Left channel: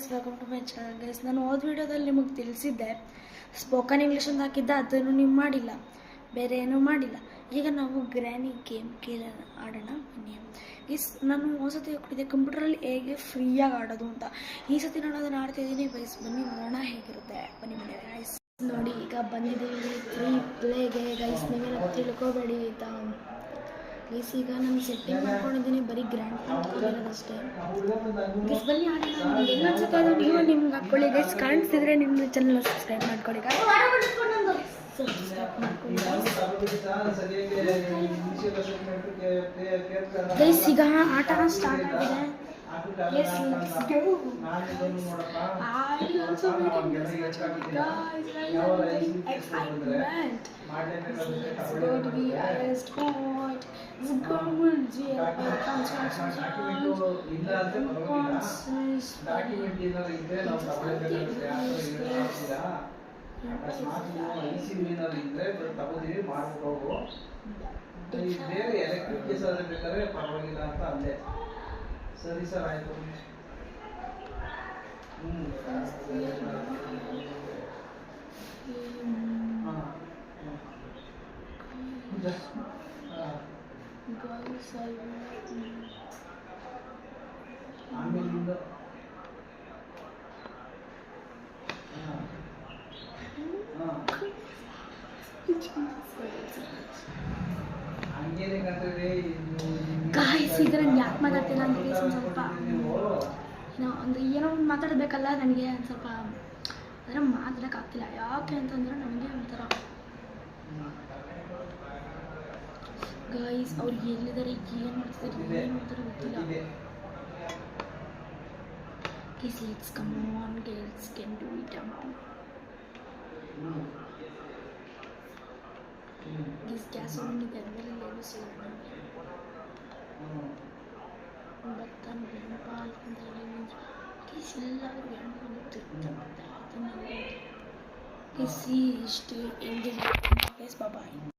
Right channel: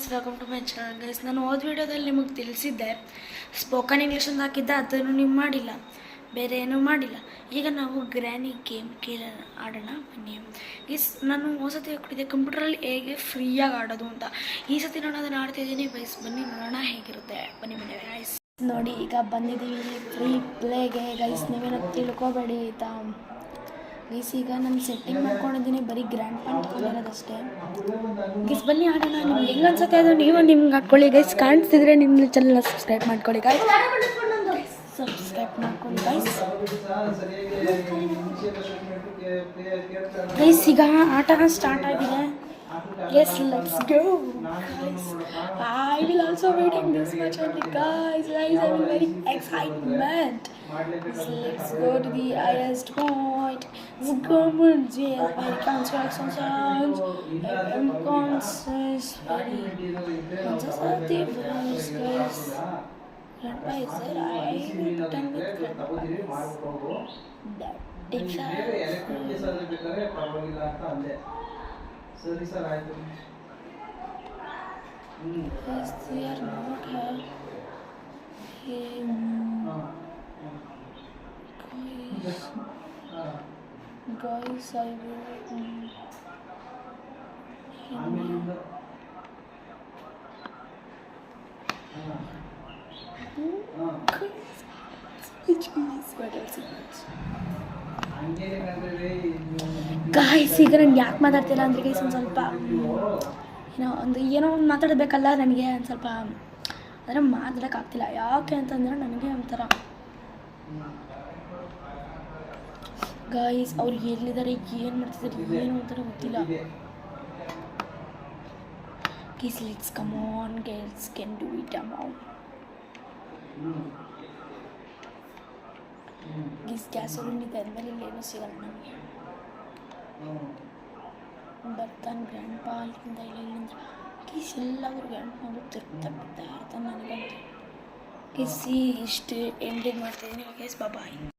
Guys, welcome to my channel. Guys, ನಾನು ಹೋದ ವೀಡಿಯೋದಲ್ಲಿ ನಿಮಗೆ ತಿಳಿಸಿದ್ದೆ ಸ್ಪೋಕನ್ ಇಂಗ್ಲೀಷ್ ಅಂತ ಹಾಕಿದ್ದೆ, ಅದನ್ನು ನೀವು ಮಾಡಿಲ್ಲ, ಬೇರೆ ಏನೂ ಮಾಡಿಲ್ಲ. ಈಗ ನಾವು ಗ್ರ್ಯಾನಿ ಗೇಮ್ ಆಡೋಣ ಬನ್ನಿ. ನಾನು ಹೊಸತಿ ಕೊಟ್ಟಿದ್ದೆ ಕಂಪ್ಯೂಟ್ರಲ್ಲಿ ಹೇಗೆ ಫ್ರೀಯಾಗಿ ಆಡೋದು ಅಂತ. ಈ ಸತಿ ನಾನು ಅದನ್ನು ಆಡ್ತಿದ್ದೀನಿ ಗೈಸ್. ಬನ್ನಿ ನೋಡೋಣ ಹೇಗಿರುತ್ತೆ. ಬನ್ನಿ ಗೈಸ್. ನೋಡಿ, ಈಗ ಬಂದಿದ್ದೀವಿ ಫ್ರೀ ಪ್ಲೇಗೆ ಗೈಸ್. ನೀವೇನ ತಿಳ್ಕೊಬೇಡಿ ಆಯಿತಾ ಗೈಸ್. ಈಗ ನಾನು ಸೆಟ್ಟಿಂಗ್ ಮಾಡ್ಕೊಂಡಿದ್ದೀನಿ, ಬರೀ ಗ್ರ್ಯಾಂಡ್ ಪ್ಯಾಂಟ್ ತಗೊಂಡಿರೋದಷ್ಟೇ ಗೈಸ್. ಬನ್ನಿ ಆಡೋಣ. ನಿಮ್ಗೆ ಹೆಂಗೆ ಅನ್ಸುತ್ತೆ ಅದು ನೀವು ನಿಮ್ಗೆ ಹಾಕ್ಕೊಳ್ಳಿ ಗೈಸ್. ಕಾಣಿಸ್ತಿದ್ರೆ ನಿಮ್ಮ ಚಾನಲ್ನ ಸಬ್ಸ್ಕ್ರೈಬ್ ಮಾಡ್ಕೊಳ್ಳಿ ಗೈಸ್. ಸಬ್ಸ್ಕ್ರೈಬ್ ಮಾಡ್ಕೊಳ್ಳಿ ಗೈಸ್. ಈಗ ಆಟ ಸ್ಟಾರ್ಟ್ ಆಗಿದೆ. Yes, let's go. I will also waiting this much on the guys. I'm very excitement. Let's go to the highest point. The government GFI construction sounds. Consensus. ಸರಿ sir, ಆಯಿತು. ಆಮೇಲಿಂದ guys, ಈಗ ನಾನು ಯಾಕೆ ಮಾತಾಡ್ತಿಲ್ಲ ಅಂದರೆ ಗೈಸ್, ಒಂದು ಸ್ವಲ್ಪ ಏನೋ ಒಂದು ಮಾತಾಡಬೇಕಲ್ಲ ನನಗೆ. ಒಂದು ಸ್ವಲ್ಪ ಅಂದರೆ ಮಾತಾಡೋಕ್ಕಾಗ್ತಿಲ್ಲ. ಯಾಕೆ ಅಂತಂದರೆ ನನಗೆ ಒಂಥರ ಗಾಯ್ಸ್, ಅವ್ರು ಎಲ್ಲಿದ್ದಾರೆ, ಏನು ಮಾಡ್ತಿದ್ದಾರೆ, ಏನು ಅಂತಾರ ಗೊತ್ತಿಲ್ಲ guys. Let's come on guys, can do it amount guys. Gas ಬಂದಿದೆ ಆದಮೇಲೆ ಇಲ್ಲಿ ಏನೂ ಸಿಗಲ್ಲ ನನಗೆ. ಬರ್ತಾನೆ ಗ್ರ್ಯಾಂಡ್ ಪಾ ಅಲ್ಲಿಂದ ಇಲ್ಲಿಂದ ಗೈಸ್. ಎಲ್ಲಾದರೂ ಗ್ರ್ಯಾಂಡ್ ಪಾ ತಿರ್ತಾ ಬಿಡ್ತಾ ಇರ್ತಾನೆ ನನಗೆ ಗೈಸ್. ಇಷ್ಟು ಎಂಡಿಂಗ್ ಮಾಡ್ತೀನಿ ಗೈಸ್. ಬಾಯ್.